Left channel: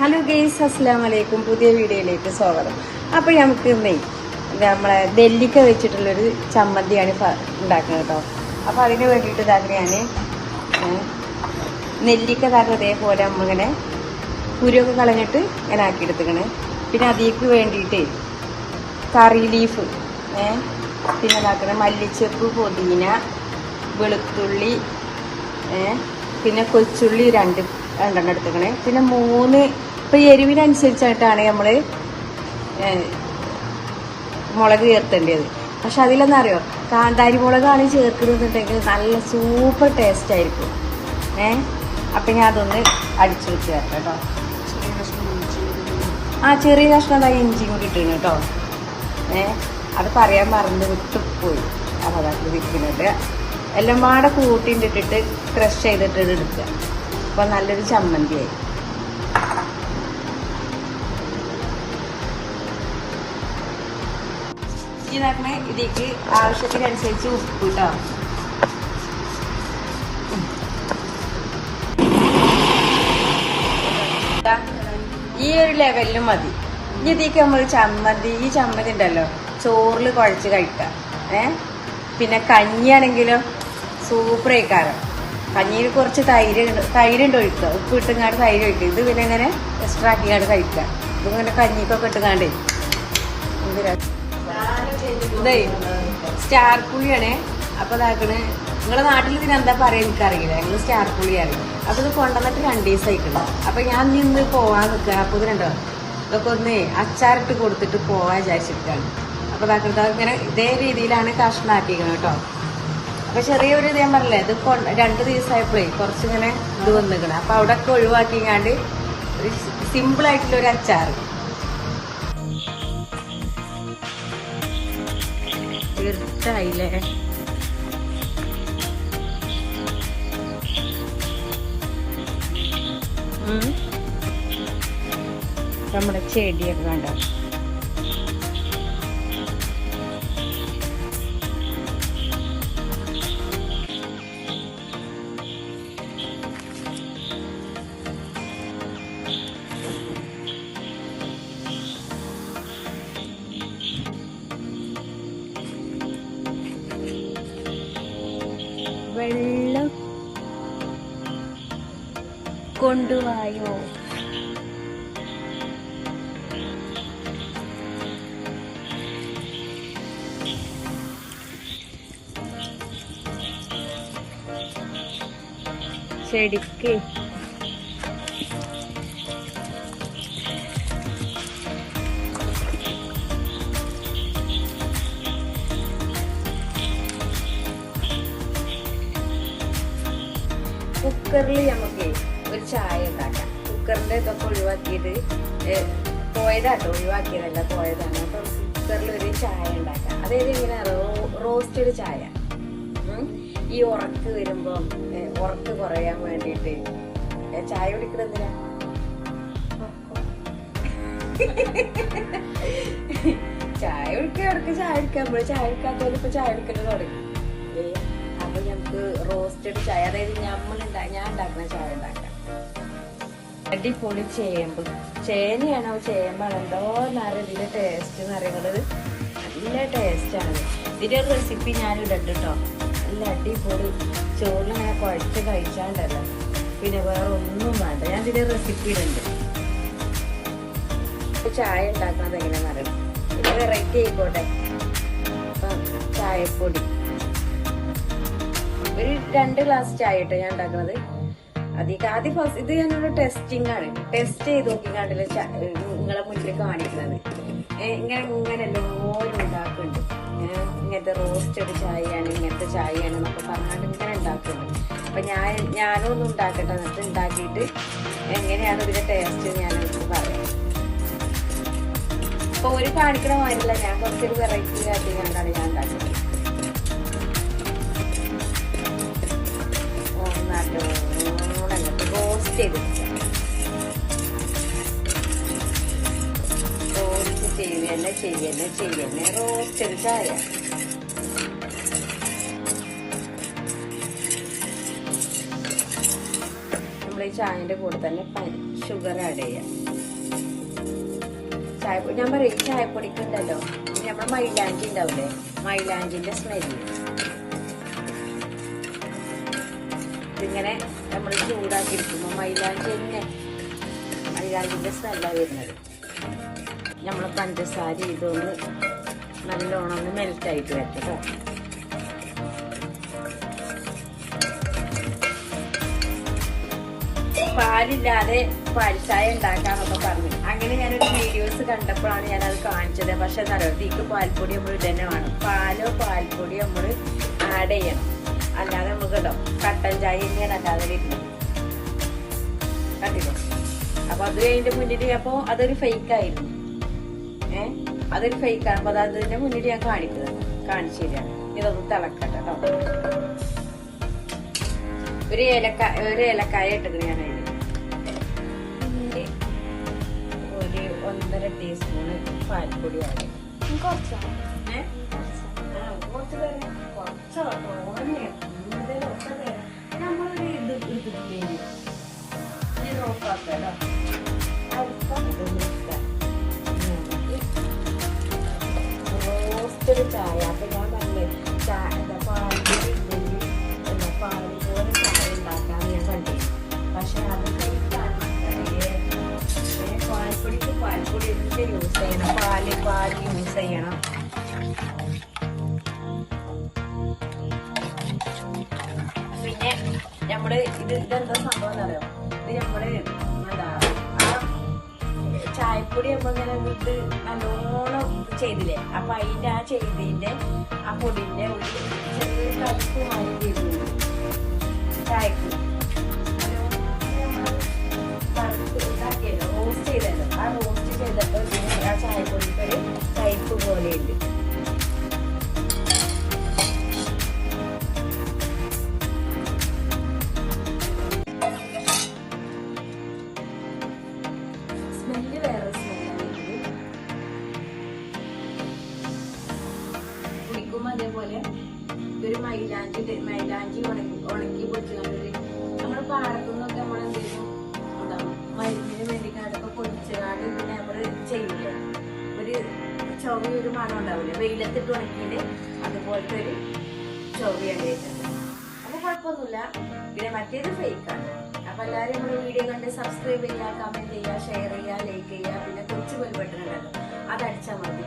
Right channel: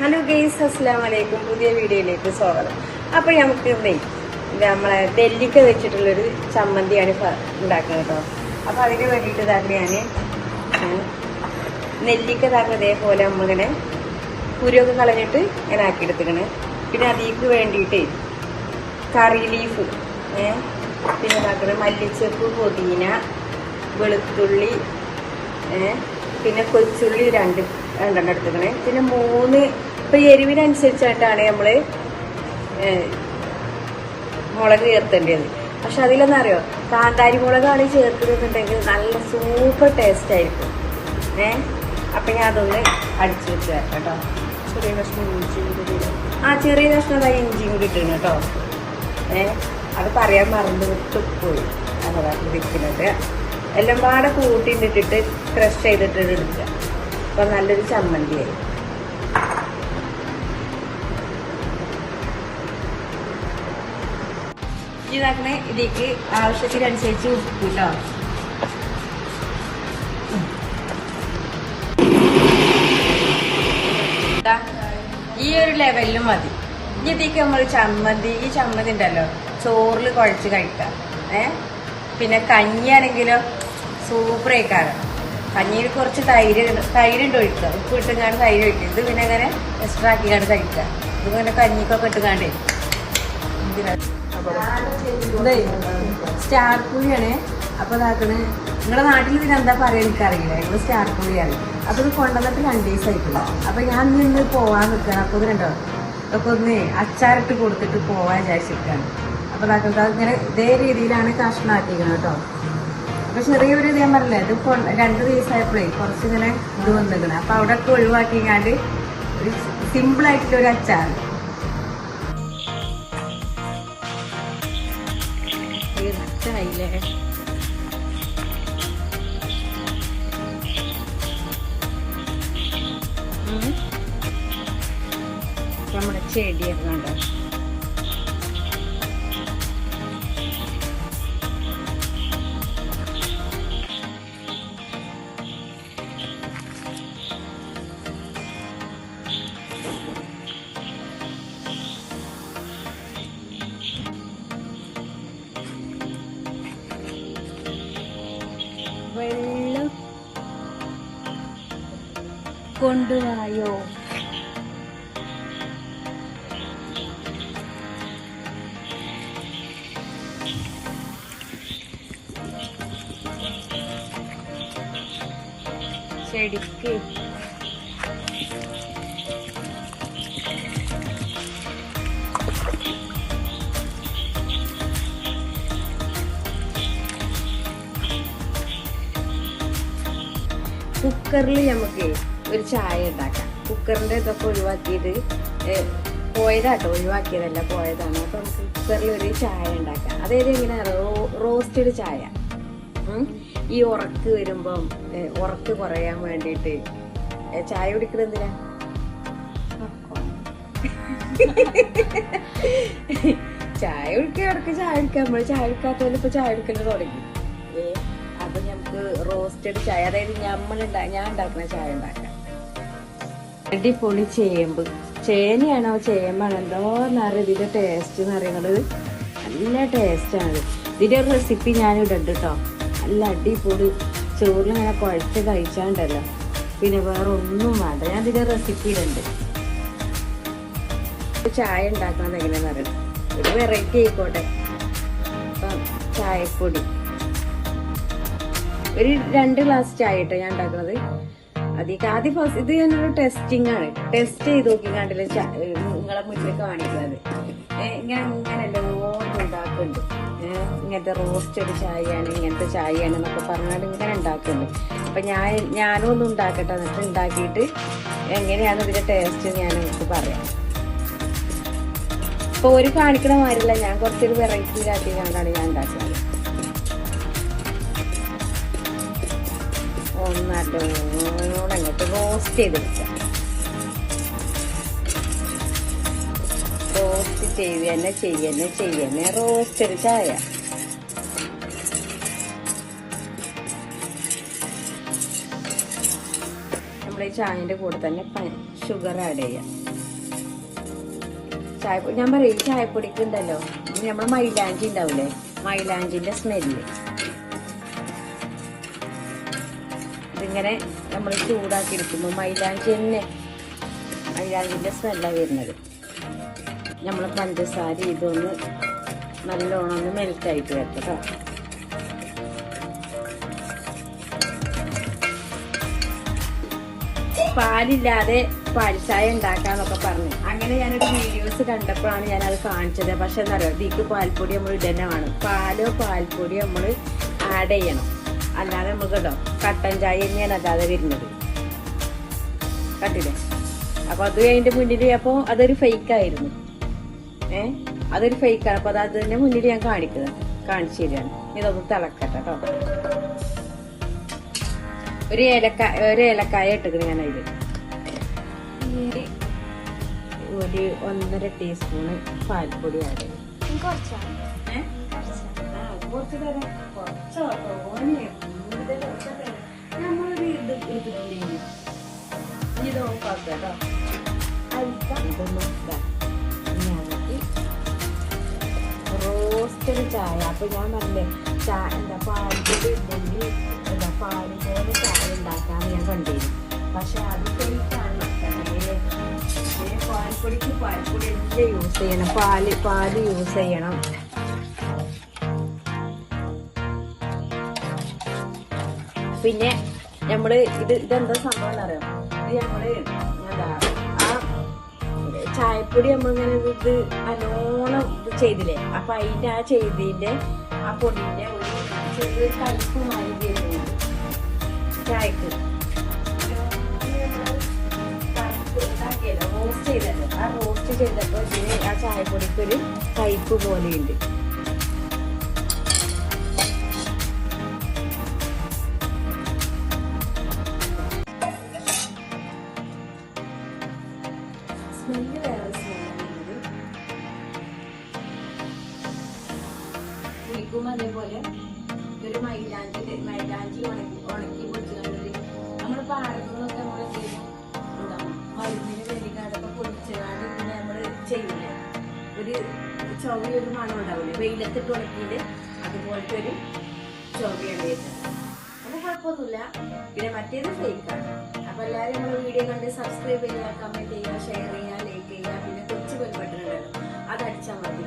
Hello guys അസ്സാം വലൈക്കും പുതിയ വീഡിയോയിലേക്ക് സ്വാഗതം. അപ്പോൾ നമുക്ക് ഇന്നേ നമ്മളെ നെല്ലിക്ക വെച്ചിട്ടുള്ളൊരു ചമ്മന്തിയാണ് ഉണ്ടാക്കുന്നത് കേട്ടോ. അപ്പോൾ അതിന് വേണ്ടിയിട്ട് താങ്കളെയാണ് നെല്ലിക്ക താങ്കൾ അതേപോലെ നമ്മളിങ്ങനെ കുരുവൊക്കെ കളഞ്ഞിട്ട് ഇങ്ങനെ ആക്കിയെടുത്തിക്കണ് പിന്നെ അതിക്ക് വേണ്ടിയിട്ട് കറി ലീഫ് പിന്നെ ഇതാക്കണ മല്ലിച്ചപ്പ് പുതിന വെളുത്തുള്ളി പിന്നെ കൊച്ചുള്ളി രണ്ട് രണ്ടെണ്ണം എടുത്തുക്കണേ പിന്നെ മൂന്ന് ഇപ്പൊ എരിവിനനുസരിച്ചായിട്ടാണ് നമ്മൾ മുളക് ചേർത്തേണ്ടത്. പക്ഷെ അതിലെന്നറിയോ? കാന്താരി മുളകാണ് ചേർക്കുന്നതുണ്ടെങ്കിൽ നല്ല സൂപ്പർ ടേസ്റ്റ് ആയിരിക്കും. ഏ? അപ്പൊ ഞാൻ അതൊന്ന് അടിച്ചു വെച്ച് കേട്ടോ. ചെറിയ. ആ ചെറിയ കഷ്ണം ദാ ഇഞ്ചി കൂടി ഇട്ടിരുന്നു കേട്ടോ. ഏ? അത് പറയാൻ മറന്ന് വിട്ടുപോയി അതാ ഇരിക്കുന്നത്. എല്ലാം പാടെ കൂട്ടിയിട്ടിട്ടിട്ട് ക്രഷ് ചെയ്തിട്ട് എടുക്കുക. അപ്പൊ നല്ലൊരു ചമ്മന്തിയായി ഇതാക്കണേ. ഇതിലേക്ക് ആവശ്യത്തിനനുസരിച്ച് ഉപ്പ് കേട്ടോ ഈ ഒരു ലെവലിലും മതി. ഇനി ഇതിലേക്ക് നമ്മൾ ചമ്മന്തി ഈ ചമ്മന്തി ഉണ്ടല്ലോ. ചോറിൽ കുഴച്ച് കഴിക്കാം. ഏ? പിന്നെ കഞ്ഞിയാണെങ്കിലോ സൂപ്പർ ആയിക്കാരം. കഞ്ഞിയിൽ കുറച്ച് തൈര് തൈര് തൈരുണ്ട് ഒഴിക്കുക ഉപ്പ് ഇട്ടുങ്ങാണ്ട് തൈര് ഒഴിക്കുക. ഇത് പിന്നെ ഇങ്ങനെ എക്സ്ട്രാ ആക്കിയാണ് കഴിക്കുക ഇതിങ്ങനെ കഞ്ഞിക്കൊക്കെ ഇട്ടുകാണ്ടേ എന്തിനാ? ഇതേ സ്റ്റാർ പുളിയാണ് അപ്പൊ അതാക്കണ് നിങ്ങളുടെ നാട്ടിൽ പിന്നെ എന്താ പറയാ എനിക്കറിയില്ല. ഇപ്പൊ സ്റ്റാർ പുളിയാണ് അപ്പൊ ഇത് കൊണ്ടുവന്നിട്ട് രണ്ട് ദിവസം ആയിക്കണം അപ്പൊ ഞാൻ നിന്ന് പോവാൻ നിൽക്കുക അപ്പൊ ഇതിനുണ്ടോ ഇതൊക്കെ ഒന്ന് അച്ചാറിട്ട് കൊടുത്തിട്ട് പോവാൻ വിചാരിച്ചിരിക്കാണ്. അപ്പൊ അതാക്കുന്നത് ഇങ്ങനെ ഇതേ രീതിയിലാണ് കഷ്ണാക്കിയത് കേട്ടോ. അപ്പൊ ചെറിയൊരു ഇതേ പറഞ്ഞില്ലേ ഇത് രണ്ടു ദിവസമായപ്പോഴേ കുറച്ചിങ്ങനെ ഇത് വന്നിരിക്കണം. അപ്പൊ അവിടെ ഒക്കെ ഒഴിവാക്കിങ്ങാണ്ട് ഒരു സിമ്പിൾ ഉം. നമ്മുടെ ചെടിയൊക്കെ കണ്ടോ കൊണ്ടുവായോ? ചെടിക്ക് കുക്കറിൽ നമുക്ക് ചായ ഉണ്ടാക്കാം കുക്കറിന്റെ ഇതൊക്കെ ഒഴിവാക്കിയത് ഏ, പോയതാട്ടോ ഒഴിവാക്കിയതല്ല പോയതാണ്. അപ്പം കുക്കറിൽ ഒരു ചായ ഉണ്ടാക്കാം. അതായത് എങ്ങനെയാ റോസ്റ്റഡ് ചായ. ഈ ഉറക്ക് വരുമ്പം ഉറക്ക് കുറയാൻ വേണ്ടിയിട്ട് ചായ കുടിക്കുന്നത് എന്തിനാ? ചായ കുടിക്കുക ചായ കുടിക്കുക നമ്മൾ ചായ കുടിക്കാത്തതിൽ ഇപ്പൊ ചായ കുടിക്കൽ തുടങ്ങി. അപ്പൊ ഞങ്ങക്ക് റോസ്റ്റഡ് ചായ അതായത് നമ്മൾ ഞാൻ ഉണ്ടാക്കുന്ന ചായ ഉണ്ടാക്കാം. അടിപൊളി ചേമ്പ്. ചേനയാണോ ചേമ്പാണോ? എന്തോന്നറിയ ഇതിന്റെ ടേസ്റ്റ് എന്ന് പറയുന്നത്. നല്ല ടേസ്റ്റാണ് ഇതിന്റെ റെസിപ്പി ഞാൻ ഇടുന്നുണ്ട് കേട്ടോ നല്ല അടിപൊളി. ചോറ് ഞാൻ കുഴച്ച് കഴിച്ചാണ്ടല്ലോ പിന്നെ വേറെ ഒന്നും വേണ്ട. ഞാൻ ഇതിന്റെ റെസിപ്പി ഉണ്ട് ചായ ഉണ്ടാക്കാൻ അറിയാം ഇത് വെറൈറ്റി ആയിക്കോട്ടെ. ചായപ്പൊടി. ഒരു രണ്ട് ഗ്ലാസ് ചായ കേട്ടോ ഞാൻ ഉണ്ടാക്കുന്നത്. അതിക്ക് ആദ്യം ഫസ്റ്റ് ഇത് ഞാനൊരു ടെസ്റ്റിംഗ് ടെസ്റ്റ് ചെയ്ത് നോക്കിക്കാണ്ടില്ല നിങ്ങളെ മുന്നിൽ കാണിച്ചത് ഇങ്ങനെ ഇങ്ങനെ ഓരോ ഉണ്ടാക്കുന്നുണ്ട്. ഇങ്ങനത്തെ റോസ്റ്റഡ് ചായയാണ് ഇങ്ങനത്തെ ചായയാണ് എന്നൊക്കെ പറഞ്ഞാൽ ഇങ്ങനെ ഉണ്ടാക്കുന്നുണ്ട് അപ്പൊ ഞാൻ ഞാനും ഒന്ന് ഉണ്ടാക്കട്ടെ അതൊക്കെ ഉണ്ടാക്കിയിട്ട് എങ്ങനെയാണ് ഇതിന്റെ ടേസ്റ്റ് ഞാൻ പറയാം. അപ്പൊ ഒരു കാണിക്കണ മാതിരില്ല ഞാൻ കുറച്ചൊരു വെറൈറ്റി ആയിട്ട് ചെയ്ത് റോസ്റ്റ് ചെയ്യുന്നു ചെയ്യുന്ന റോസ്റ്റ് ചായ. ചായന്റെ കൂടെ തന്നെ ഷുഗർ ആഡ് ചെയ്യാം. ഞാൻ പറയും ചായപ്പൊടിക്ക് ഉണ്ടല്ലോ നമ്മൾ മൈലാഞ്ചി ഉണ്ടാവില്ലേ? മൈലാഞ്ചിന്റെ സ്മെല്ല് ഇതിങ്ങനെ എടുക്കുമ്പോൾ മൈലാഞ്ചി തന്നെ മൈലാഞ്ചിന്റെ സ്മെല്ലാണ് വരുന്നത്. നമ്മൾ പഞ്ചസാര ഇതൊന്ന് നല്ലോണം ഒന്ന് മെൽറ്റ് ആയിട്ട് വെക്കട്ടോ പാലില്ലാതെ പാൽച്ചായ ഉണ്ടാക്കാന്നൊക്കെ പറഞ്ഞു. അങ്ങനെ ഞാനൊരു വീഡിയോസ് കണ്ടപ്പോഴാണ് ഞാനത് കാണിച്ചത്. പക്ഷെ ഇതിക്ക് പാൽപ്പൊടി നമ്മൾ ഇതന്നെ വേണം പാലോ പാൽപ്പൊടി നമ്മൾ ആഡ് ചെയ്യണം. അല്ലാതെ നമുക്ക് കട്ടൻ ചായ തന്നെയാണ് അല്ലാതെ വരുന്നത്. കണ്ടില്ലേ? അപ്പൊ അത് അതിന്റെ മുന്നിൽ അപ്പൊ അതൊരു ഫേക്ക് ആയിരുന്നു. ഏ? അതൊരു ഫേക്ക് ആണ്. അപ്പൊ അത് അതിന്റെ മുന്നിൽ ഞാൻ കാണിക്കുന്നത്. കാണിച്ചു തരാണ് ഇതൊന്ന് തിളക്കട്ടെ കേട്ടോ. ഒരു ഏലക്ക ഒരു ഏലക്കായ ഇട്ടത് ഞാൻ അതിൽ ഒരു ഒന്നര ടീസ്പൂണ് പാൽപ്പൊടി ചെയ്യും കുറച്ചാണ് ഏ? ആ, കുറച്ച് തരാം കുറച്ചോ തോനെ കൂടുതലോ ഒക്കെ തരാം നമ്മളൊരു ഇത് എടുത്തിട്ടില്ലെങ്കിൽ ഇത് നോക്കാട്ടോ. റോസ്റ്റഡ് ചായ. അപ്പൊ ഞാൻ പറഞ്ഞേ ചായ എന്താ പാൽപ്പൊടി ഇല്ലെങ്കിൽ എന്താ പാൽ പോലെ ചായ ഉണ്ടാക്കാന്ന് ഞാൻ കണ്ടിരുന്നു പക്ഷെ അതൊക്കെ എനിക്കറിയില്ലേ പാൽപ്പൊടിക്ക് പാൽപ്പൊടി യൂസ് ചെയ്യണം. പാൽ പാൽ യൂസ് ചെയ്യണം. പിന്നെ നമ്മൾ ഇത് ഇതെന്താ സംഭവം അറിയോ ചായപ്പൊടി നമ്മളിങ്ങനെ ഇത് നല്ലോണം ഇത് ചെയ്തില്ലേ? അപ്പൊ അതിന്റെ ആ ചെയ്തിന്റെ ആ പൊടിന്റെ ഒരു ചെറിയൊരു കയ്പ് മാറി ചായക്ക്. റോസ്റ്റ് ചെയ്തല്ലോ. ആ റോസ്റ്റ് ചെയ്തപ്പോ ആ ചായപ്പൊടിക്ക് ഒരു കയ്പ് പോലെയുണ്ട്. ചുവയൊരു മണം ഉണ്ടാവില്ലേ? വെയിലത്തിട്ട് ഉണക്കിയത് അതുപോലത്തെ ഒരു ചുവയാണ് വരുന്നത് അത് കുഴപ്പമൊന്നുമില്ല. പിന്നെ മറ്റേത് ഫേക്കാണ് അപ്പൊ എല്ലാവരും നമ്മുടെ വീഡിയോ കണ്ട് സബ്സ്ക്രൈബ് ചെയ്യുക കമന്റ് ചെയ്യുക ഷെയർ ചെയ്യുക ലൈക്ക് ചെയ്യുക. പിന്നെ കുറച്ച് ബെൽ ബട്ടൺ ഉണ്ടല്ലോ അത് അടിച്ചാൽ മതി.